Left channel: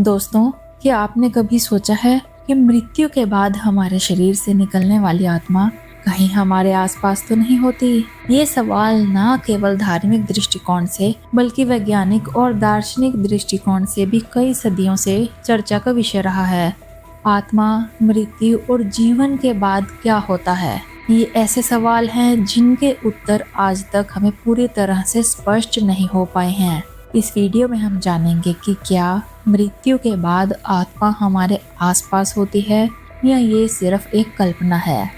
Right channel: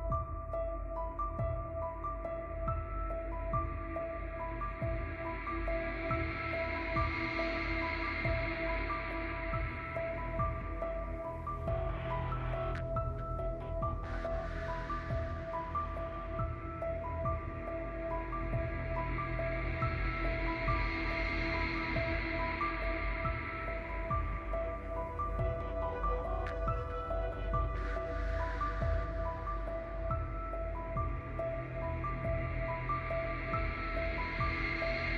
दोस्तों, क्या आपने कभी सोचा है कि मृत्यु के बाद हमारे शरीर से निकलने वाली आत्मा कहीं हमारे आसपास तो नहीं होती? ये सवाल न केवल धार्मिक दृष्टिकोण से बल्कि वैज्ञानिक और दार्शनिक दृष्टिकोण से भी कई सदियों से चर्चा का विषय रहा है। आत्मा, मृत्यु और जीवन के बाद क्या होता है? ये ऐसे सवाल हैं जिनके उत्तर आज तक हमें पूरी तरह से स्पष्ट नहीं हो पाए हैं। इस वीडियो में हम जानेंगे कि क्या मृत्यु के बाद आत्मा हमारे आसपास होती है या ये सिर्फ एक कल्पना है।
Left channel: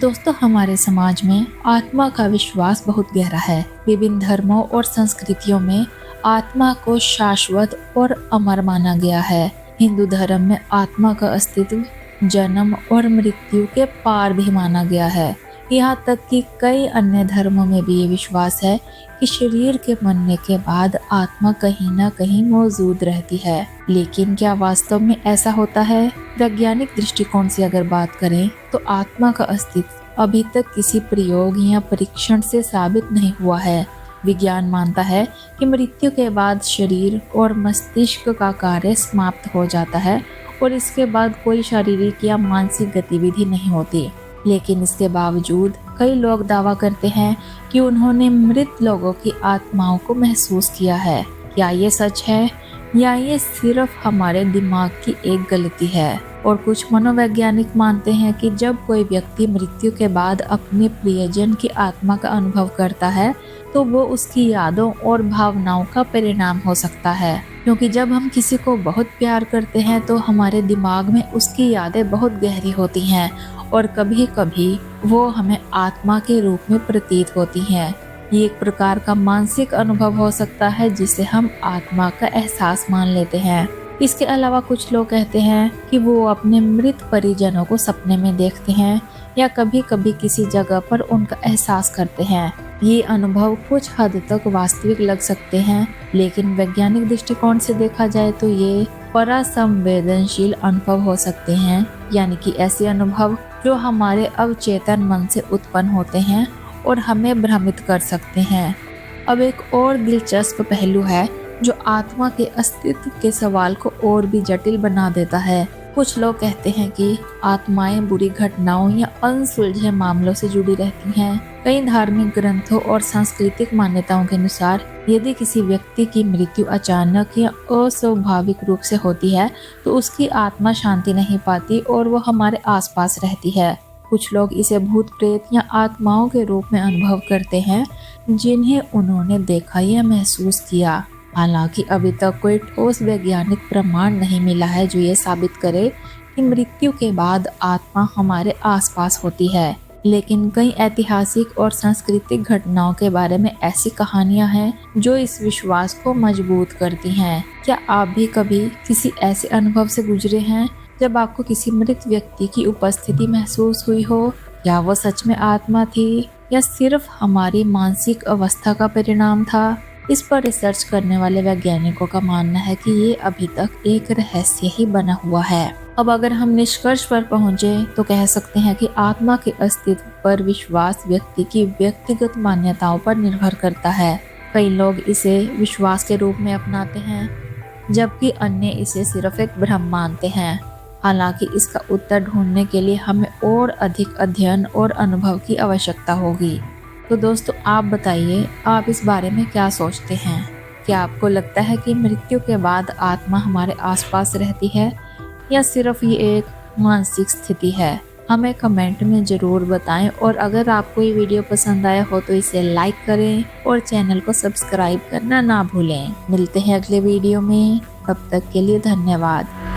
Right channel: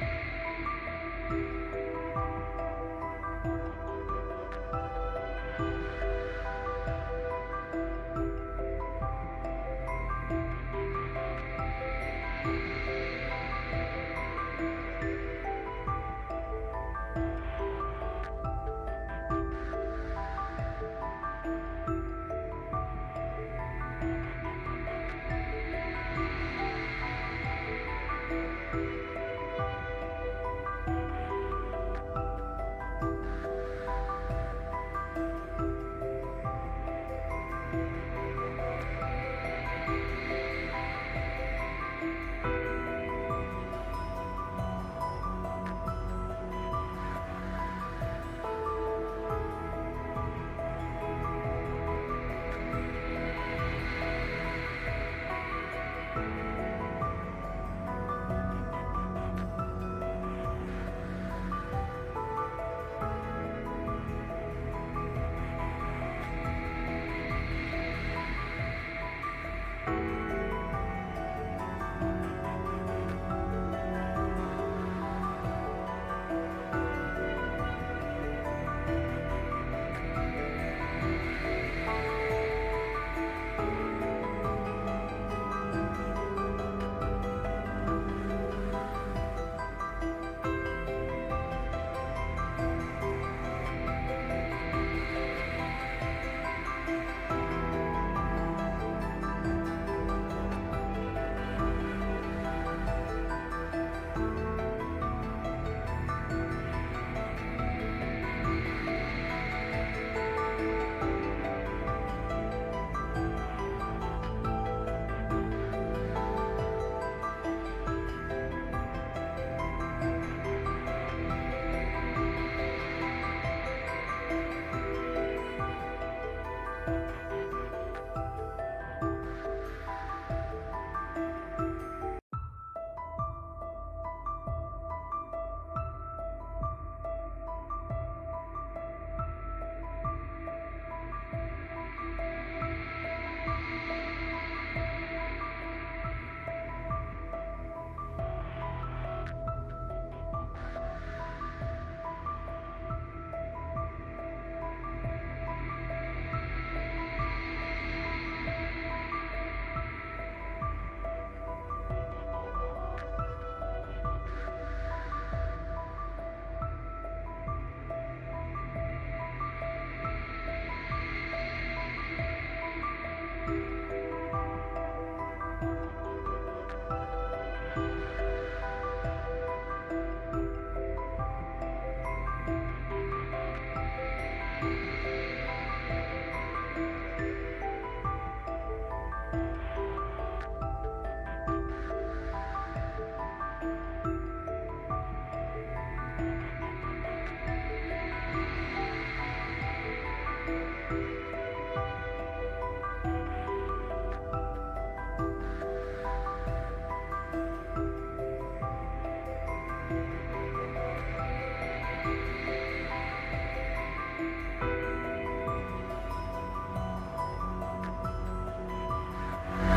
दोस्तों, हमारे समाज में आत्मा का विश्वास बहुत गहरा है। विभिन्न धर्मों और संस्कृतियों में आत्मा को शाश्वत और अमर माना गया है। हिंदू धर्म में आत्मा का अस्तित्व जन्म और मृत्यु के पार भी माना गया है। यहाँ तक कि कई अन्य धर्मों में भी ये विश्वास है कि शरीर के मरने के बाद आत्मा कहीं न कहीं मौजूद रहती है। लेकिन क्या वास्तव में ऐसा होता है? वैज्ञानिक दृष्टिकोण से अगर बात करें तो आत्मा का अस्तित्व अभी तक किसी प्रयोग या परीक्षण से साबित नहीं हुआ है। विज्ञान मानता है कि मृत्यु के बाद शरीर और मस्तिष्क का कार्य समाप्त हो जाता है और इसके बाद कोई शारीरिक या मानसिक गतिविधि नहीं होती। लेकिन इसके बावजूद कई लोग दावा करते हैं कि उन्होंने मृत लोगों की आत्माओं को महसूस किया है। क्या ये सच है या ये सिर्फ हमारे दिमाग की एक गलती है? और कुछ मनोवैज्ञानिक मानते हैं कि जब कोई व्यक्ति मृत्यु के बाद अपने प्रियजन की आत्मा का अनुभव करता है तो वो उसकी यादों और भावनाओं का परिणाम हो सकता है। क्योंकि जब हम किसी को बहुत प्यार करते हैं तो हमारे दिमाग में उसकी यादें बहुत गहरी होती हैं और कभी कभी वो हमें आत्मा के रूप में प्रतीत होती हैं। ये एक प्रकार का मानसिक अनुभव हो सकता है जिसे हम आत्मा का एहसास मान लेते हैं। इसके अलावा कुछ लोग कहते हैं कि वो अपने मृत परिजनों को सपने में देखते हैं या कभी कभी किसी जगह पर उनका एहसास करते हैं। ये अनुभव कुछ हद तक वास्तविक लग सकते हैं, लेकिन वैज्ञानिक दृष्टिकोण से देखा जाए तो ये परासंवेदनशील अनुभव हो सकते हैं, यानी कि ऐसे अनुभव जो हमारे अवचेतन मन से उत्पन्न होते हैं और हमें भ्रमित कर सकते हैं। अब एक और दिलचस्प पहलू है जो आत्मा के अस्तित्व के सवाल को और भी जटिल बना देता है। कुछ लोग कहते हैं कि आत्माएं बुरी घटनाओं या अनसुलझे मामलों से जुड़ी रहती हैं। कई धार्मिक ग्रंथों और सांस्कृतिक मान्यताओं के अनुसार यदि किसी व्यक्ति की मृत्यु अचानक या अस्वाभाविक रूप से होती है तो उसकी आत्मा शांति नहीं पाती और वो हमारे आसपास रहती है। कुछ लोग इसे भूत प्रेत या आत्माओं के रूप में अनुभव करते हैं जिन्हें उन्होंने देखा या महसूस किया। हालांकि अभी तक कोई ठोस वैज्ञानिक प्रमाण नहीं मिला है जो ये साबित करे कि मृत्यु के बाद आत्मा हमारे आसपास होती है। लेकिन कई ऐतिहासिक और सांस्कृतिक घटनाओं के बारे में ऐसी कहानियां हैं जो इस विश्वास को मजबूत करती हैं। क्या आप भी कभी किसी ऐसे अनुभव से गुजरे हैं जब आपको किसी मृत व्यक्ति की उपस्थिति महसूस हुई हो? क्या वो सच में आत्मा थी या सिर्फ हमारी मानसिक अवस्था का परिणाम था? इस पर रिसर्च करने वाले वैज्ञानिकों का मानना है कि ये अभी तक एक रहस्य ही बना हुआ है। अब अगर हम निष्कर्ष पर पहुंचे तो कह सकते हैं कि आत्मा के अस्तित्व पर विश्वास व्यक्ति की व्यक्तिगत मान्यताओं पर निर्भर करता है। कई लोग इसे विश्वास के रूप में अपनाते हैं जबकि अन्य इसे सिर्फ एक भ्रम मानते हैं। हालांकि इसका उत्तर ढूंढने के लिए हमें और अधिक अध्ययन और अनुभव की आवश्यकता होगी। तो दोस्तों, आप बताइए, आप इस बारे में क्या सोचते हैं? क्या आपको लगता है कि मृत्यु के बाद आत्मा हमारे आसपास रहती है या सिर्फ ये एक मानसिक स्थिति है? हमें कमेंट में ज़रूर बताएं और अगर आपको ये वीडियो पसंद आया हो तो इसे लाइक करें और चैनल को सब्सक्राइब करना ना भूलें। मिलते हैं अगले वीडियो में, तब तक के लिए धन्यवाद।